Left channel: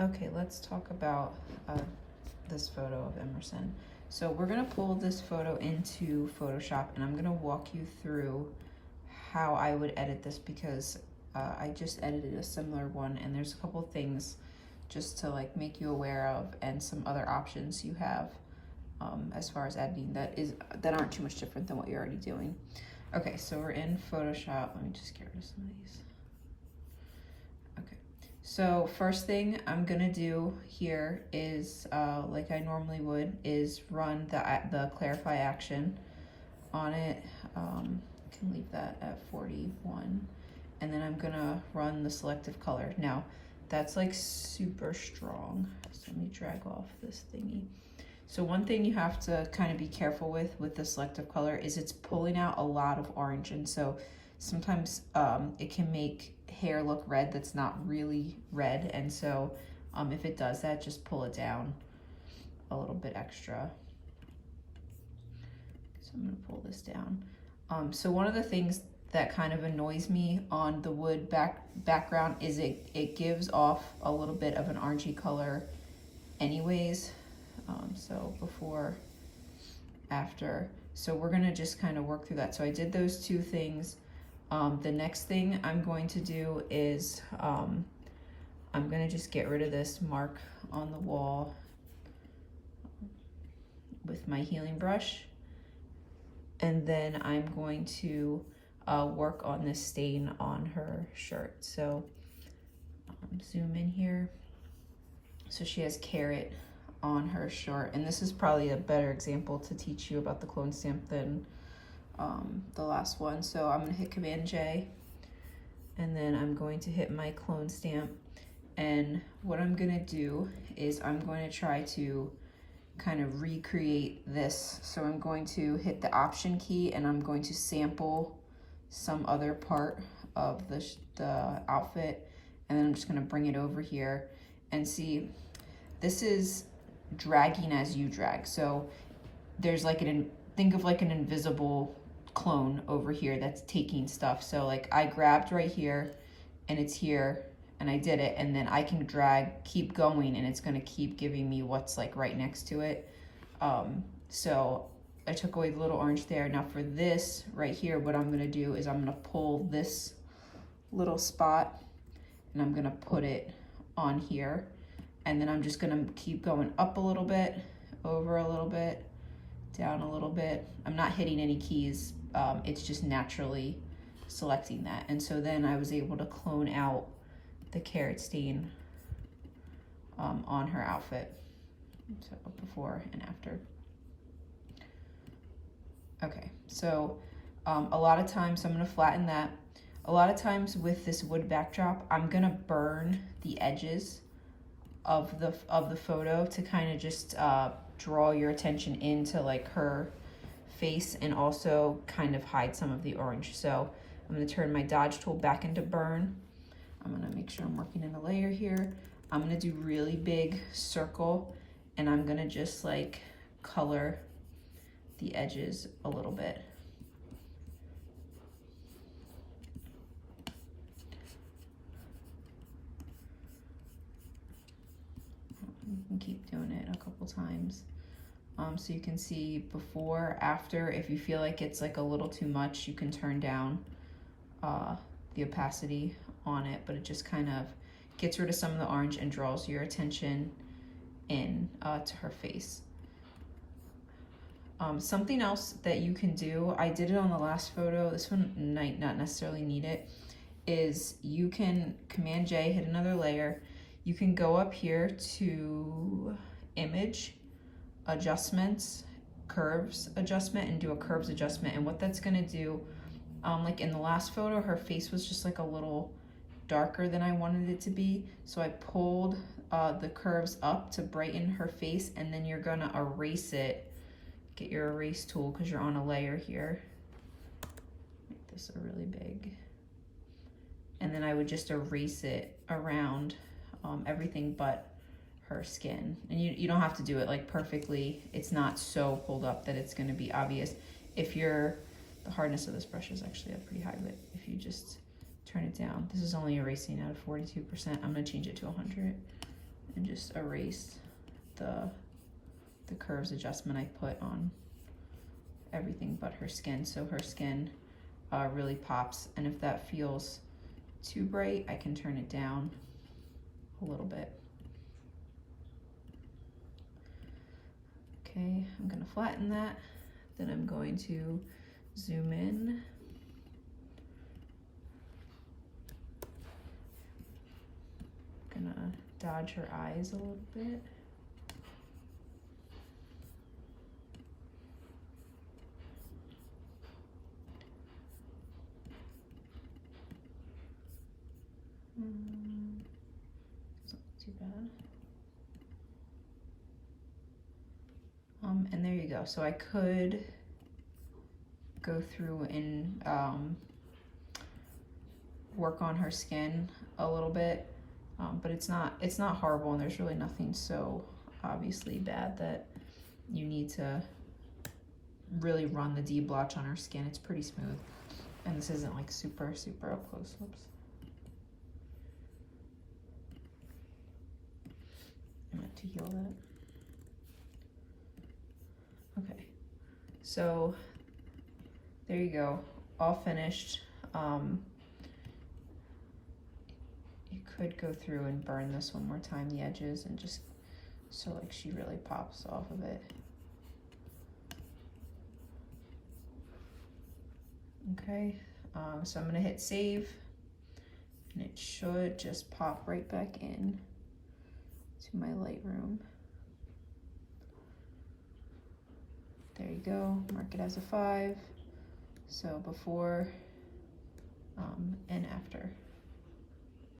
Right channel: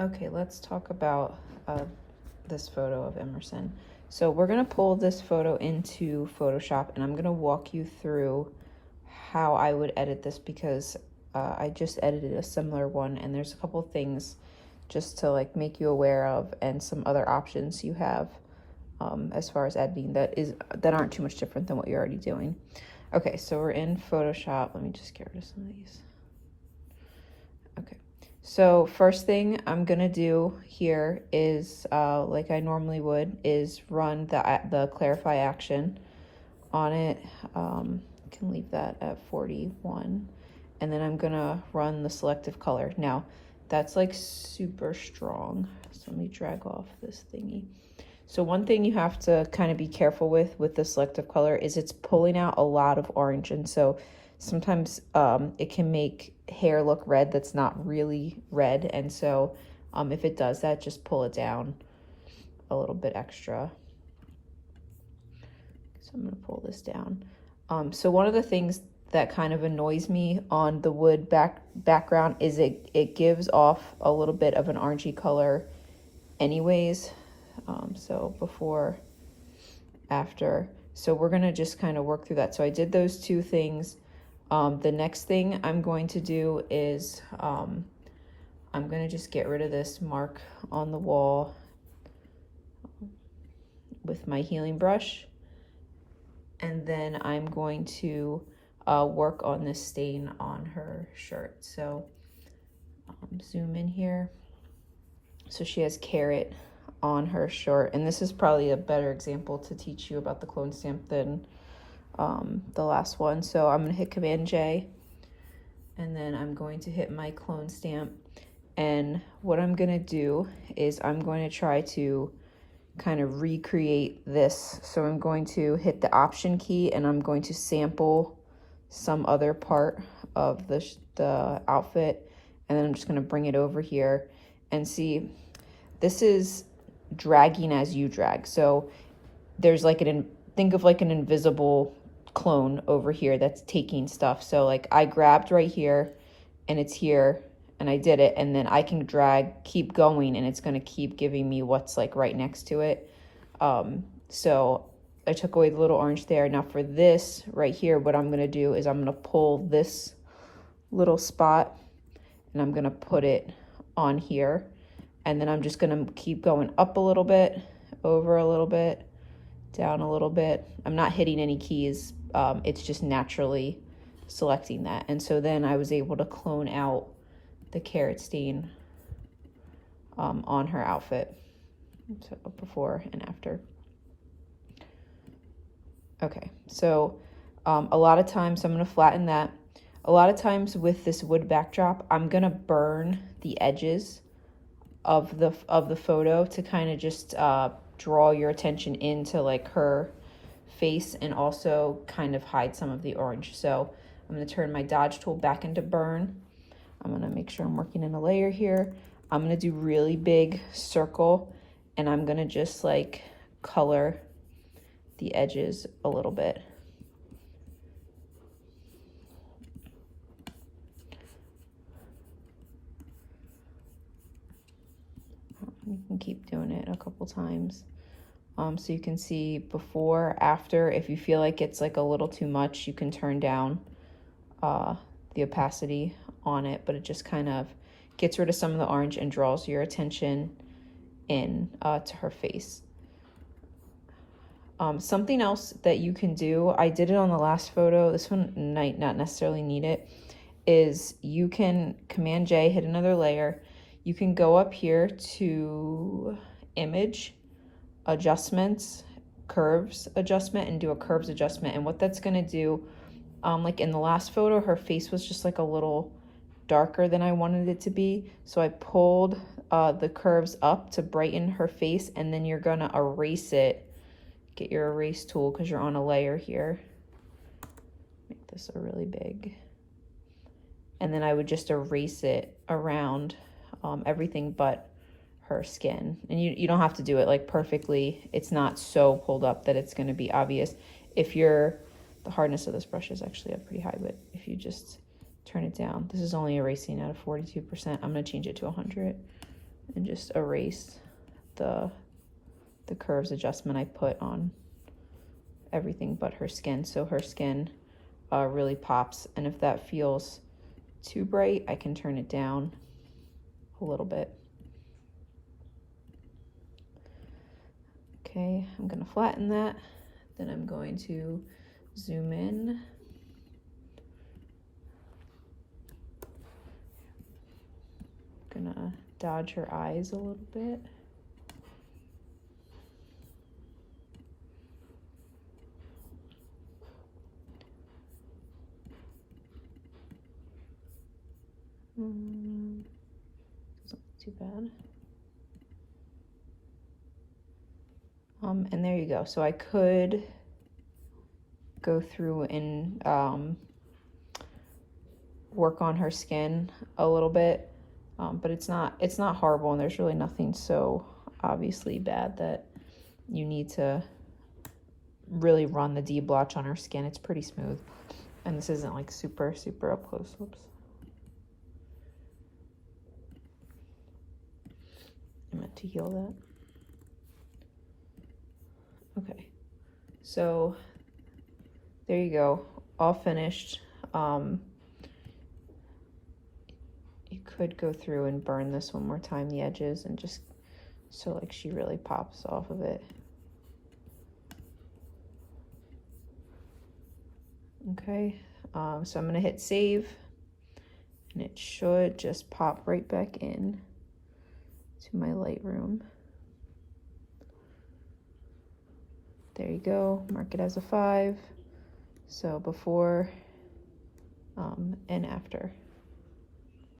Okay, let's talk about this photo of Emerson. So we're gonna pull this photo into Photoshop, and I'm gonna walk you through how I would edit this, because I just edited a similar one, and there's a couple things just to like make you aware of, and some other options you have as far as editing that aren't too much different than what you're already doing. Okay, so we're in Photoshop. Let me just get rid of some of these. Okay, so first thing I'm gonna do here is, like I normally would, is run the clarify action on it. Can leave that at 41, and then I'm gonna run the selective color. Now, that's like super strong, so let me drag off this thingy. So one thing you have to kind of be careful with the selective color is it's pulling out a lot of orange, and so sometimes it can make hair look red that's not really red, and so if it does that, just pull it down a little bit extra. So I'm gonna pull this down. So one of the things that kind of annoys me on the wood background is it gives off a little bit of an orangey color anyways. So before, after. So we're gonna just kind of work through that. So I did those two things. The next thing I'm going to do is I'm gonna just get rid of this mark on the wall with my healing brush. And then I'm going to work on this stain on her shirt. So zoom in here. So she has carrot on her shirt, and this is probably a better example to teach you about the clone stamp than the last one. So I'm gonna hit Command J, and then I'm going to hit my clone stamp, and what I'm gonna do is I'm going to try to kind of recreate this. So I'm going to hit the Option key, and I'm going to sample some other part of the outfit, and then I'm just gonna bring it over here and see. This is dragging as you drag. So there's like think of like an invisible clone over here that's taking stuff. So like I grabbed right here and it's here and I did it, and then I can drag, keep going, and it's gonna keep giving me what's like right next to it. So I took away the little orange there. Now for this right here, what I'm gonna do is I'm gonna pull this little spot and I'm gonna put it on here. And then I'm just gonna keep going up a little bit, over a little bit, down a little bit. I'm not hitting any keys. It's just naturally selecting that. And so then I was able to clone out the carrot stain on her outfit. So before and after. Okay, so a lot of times, I'm gonna flatten that. A lot of times with this wood backdrop, I'm gonna burn the edges of the photo to kind of just draw your attention into like her face, and also kind of hide some of the orange. So I'm going to turn my dodge tool back into burn. I'm going to make sure I'm working in a layer here. I'm going to do really big circle, and I'm going to just like color the edges a little bit. You can keep doing it a couple times. So you can see before, after. If you feel like it's like a little too much, you can turn down the opacity on it, but it just kind of gets rid of some of the orange and draws your attention in to her face. Something else that you can do, I did it on the last photo, this one might not necessarily need it, is you can Command J, hit another layer. You can go up here to Image, Adjustments, Curves Adjustment, and do a Curves Adjustment. And what that's gonna do, like in the last photo, her face was just like a little darker than I wanted it to be. So I pulled the curves up to brighten her face, and then you're gonna erase it. Get your erase tool because you're on a layer here. Make this a really big. And then I would just erase it around everything but her skin. And you don't have to do it like perfectly. It's not so pulled up that it's going to be obvious. If the hardness of this brush is actually pretty high, but if you just turn it down, this is only erasing at a 42%. I'm going to change it to 100. and just erase the curves adjustment I put on everything but her skin, so her skin really pops. And if that feels too bright, I can turn it down a little bit. Okay, I'm gonna flatten that. Then I'm going to zoom in. Gonna dodge her eyes a little bit. It's not too bad. And there you go. So I could go through and work on her skin a little bit, but it's not horrible, and there's really nothing so obviously bad that you need to really run the deblotch on her skin. It's pretty smooth, and this isn't like super up close. Whoops. I meant to heal that. Okay, so there you go, all finished. You could go through and burn this one more time, the edges, and just so like she really pops off of it. Okay, so I'm gonna hit save, and it should just pop right back in to my Lightroom. There you go, mark it as a 5. So before and after.